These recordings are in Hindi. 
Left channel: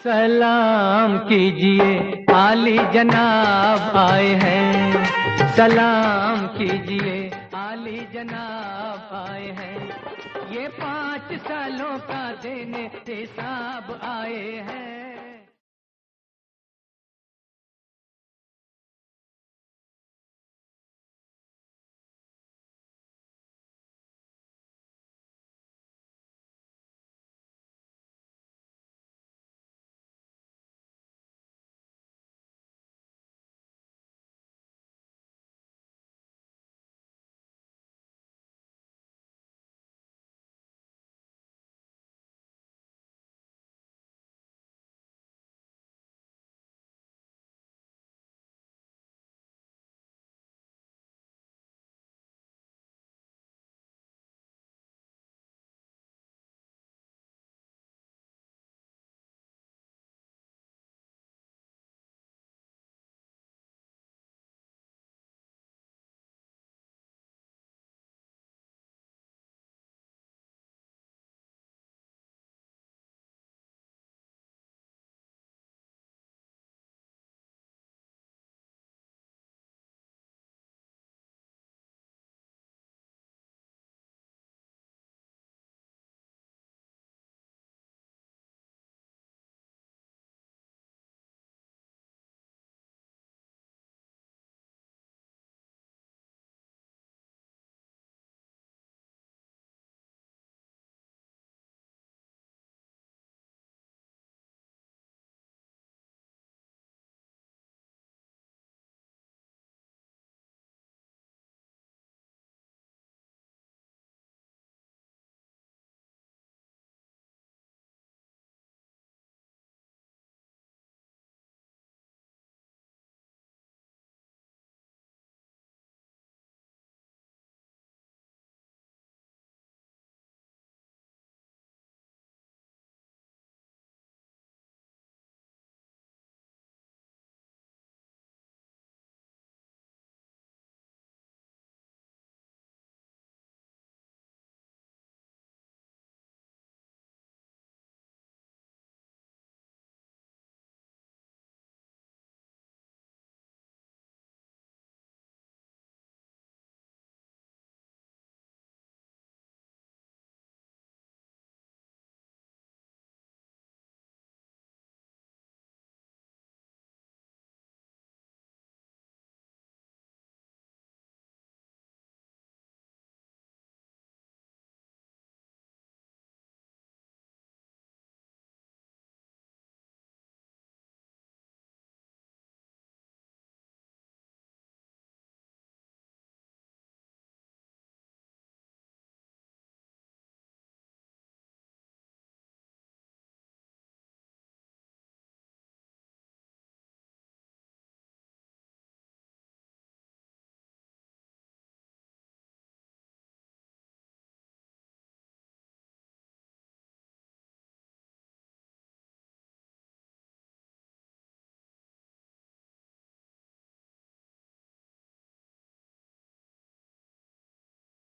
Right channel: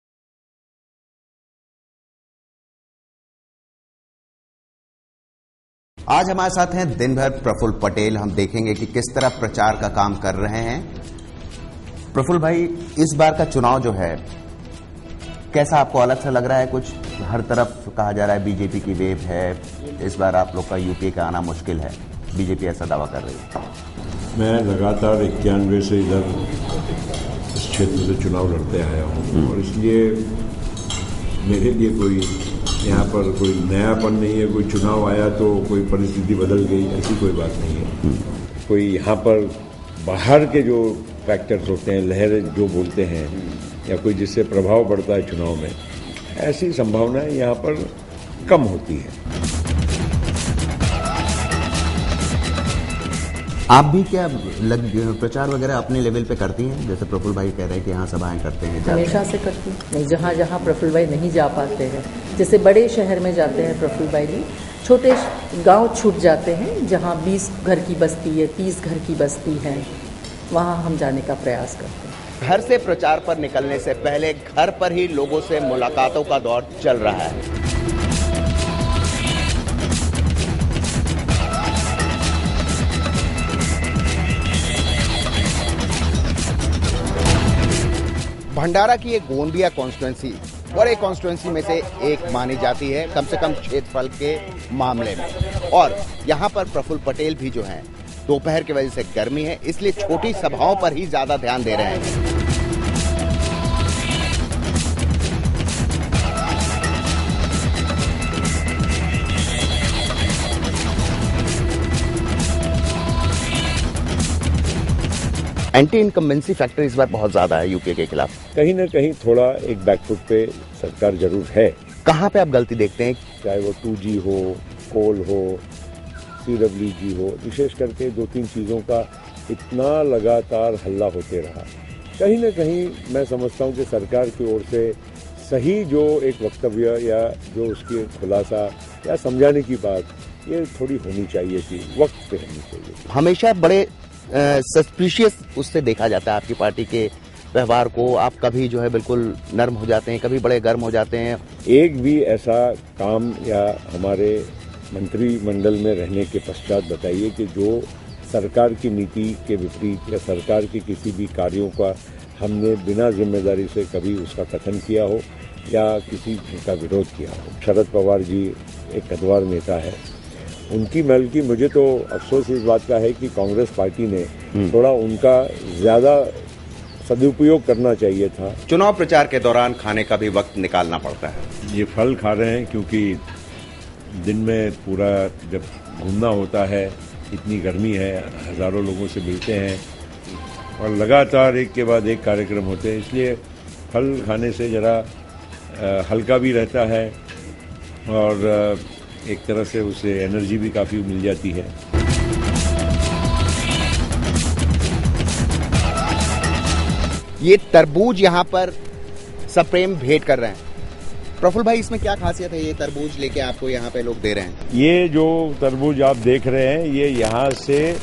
सलाम कीजिए आली जनाब आए हैं सलाम। आज हमारे साथ हैं दिन भर प्रफुल्ल पटेल। हम देखेंगे कि किस तरह प्रचार का काम कर रहे हैं। प्रफुल्ल भाई, इस बार का चुनाव जो है कैसा आपको अलग सा लग रहा है? कुछ हर तरफ कहा जा रहा है बीजेपी की वेव है, इस बार आप लोग का यूपीए का आना मुश्किल है, बीजेपी ऐसा दावा कर रही है। मैं लगातार 91 से इधर इस क्षेत्र से चुनाव लड़ते आया हूँ और इसलिए मेरे लिए कोई यहाँ पर कोई नयापन नहीं है। कोई चुनाव आया तो कोई परिस्थिति बदल गई, ऐसी कोई बात नहीं है। कोई यहाँ पर बाहर के जो फैक्टर्स होते हैं, लहर जो बोलते हैं, या कोई जिससे प्रभाव पड़ता है चुनाव में, ऐसी संभावनाएं यहाँ पर कम होती है। आप भी क्या प्रचार वगैरह अपने लेवल पे करती हैं? जैसे प्रफुल्ल भाई कह रहे हैं कि यहाँ सभाएं करते हैं। हमेशा से करती नहीं, जहाँ जहाँ प्रफुल्ल भाई नहीं जा पाते हैं, जैसे बड़े शहर में जाते हैं प्रफुल्ल भाई जी, छोटे गांव छूट जाते हैं जहाँ 20 घर की बस्ती है, 30 घर की बस्ती है, वहाँ हम जाने का प्रयास करते हैं। घर से प्रचार पर निकलने से पहले घर पर ही लोगों से मुलाकातों का दौर चल रहा है। भंडारा की एक गोंदिया कॉन्स्टिट्यूएंसी बड़े कॉन्स्टिट्यूएंसी में से एक मानी जाती है, कम से कम क्षेत्रफल के मामले में। और यहाँ पर प्रफुल्ल पटेल भी जो हैं, दोपहर की वजह से गर्मी है, इसलिए छोटी सभाओं पर ही ज्यादा ध्यान दे रहे हैं। एंटी इनकम्बेंसी फैक्टर इस बार बहुत ज्यादा है यूपीए के खिलाफ। कहीं ना कहीं थोड़ा एक बैकफुट पे सरकार जरूर है। कहाँ पे आप गलती देखते हैं? चाहे वो 2G हो, कोल हो, CWG हो, विशेष करके 2-3 चीज़ों का इतना लगातार हल्ला होते रहा। कहीं ना कहीं मैं समझता हूँ कि सरकार की ओर से सही जो एक वक्तव्य या जो उसकी खुलासा या समझाने की बात, ये थोड़ी होनी चाहिए थी, वक्त पे होनी चाहिए। हमेशा बड़े सस्पिशियस उससे देखा जाता है आपकी पार्टी के व्यवहार को। आप कभी जो है बिल्कुल नर्म हो जाते हैं, कभी बड़े गर्म हो जाते हैं। एक भी ऐसा काम या हमारे मंत्रिमंडल में रहने के पश्चात बताइए कि जो सरकार की नीति के विपरीत या सरकार के किसी भी कार्यों का हमने बिना जिम्मेदारी से कभी उसका कथन किया हो या किसी का विरोध किया हो। शरद पवार जी एक कद्दावर नेता है, उनकी बल्कि मुझे तो अफसोस इस बात का है कि कांग्रेस पार्टी ने थोड़ा उनका ज्यादा सदुपयोग करना चाहिए था। चुनाव प्रचार के दौरान खाने का भी वक्त निकालना पड़ता है। ये फल खा रहे हैं क्योंकि दिन में पूरा जब घूमना होता है, इतनी गर्मी है, हजारों लोगों से मिलते हैं और लगातार एक के बाद एक कार्यक्रम होते हैं, इसलिए फल खाने से जरा हल्का भी रहता है और एक तरह से उसे एनर्जी भी काफी मिल जाती है। ये तरबूज यहाँ पर सप्रेम भेंट कर रहे हैं। प्रफुल्ल भाई, इसमें क्या खासियत है? ये तरबूज लेके आपको यहाँ पे लोग दे रहे हैं। ये जो तरबूज आप देख रहे हैं, ये यहाँ से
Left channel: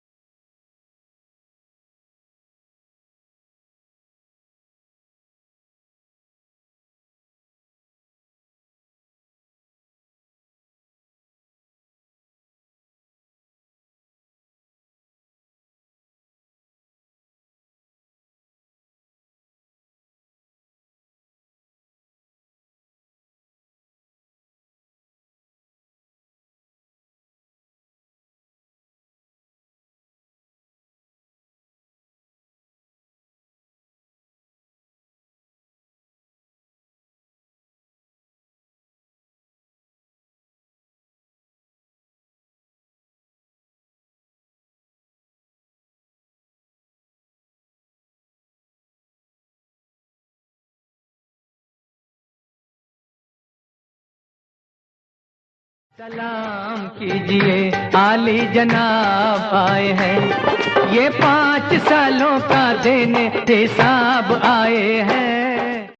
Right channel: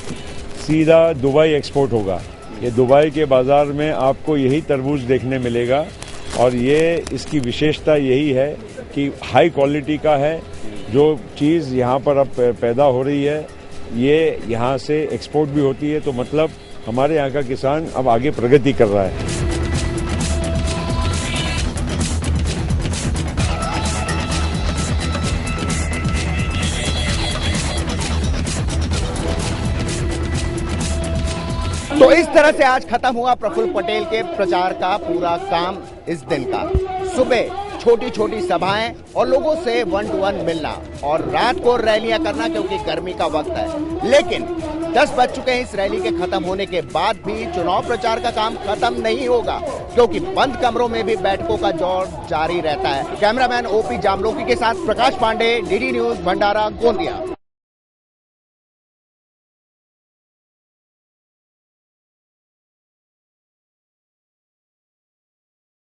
सीधा दुबई एक्सपोर्ट होगा। ये दुबई के बाजार में आपको यही तरबूज देखने मिलेगा और ये इसकी विशेषता यही है कि हाई क्वालिटी का है। जो चीज़ यहाँ पर अब पैदा हो रही है, ये यहाँ से एक्सपोर्ट भी होती है, तो मतलब हमारे यहाँ का किसान अब आगे प्रगति कर रहा है। तो इस तरह से आज खत्म हुआ प्रफुल्ल पटेल के प्रचार का पूरा काम इस दिन का। सुबह छोटी छोटी सभाएं और लोगों से 1 to 1 मिलना और रात को रैलियां करना, क्योंकि गर्मी का वक्त है। लेकिन 10 बज चुके हैं। इस रैली के खत्म होने के बाद भी चुनाव प्रचार का काम खत्म नहीं होगा, क्योंकि बंद कमरों में भी बैठकों का दौर जारी रहता है। कैमरामैन OP जामलोकी के साथ प्रकाश पांडे, DD न्यूज, भंडारा, गोंदिया। आली जनाब आए हैं, ये 5 सालों का देने हिसाब आए हैं।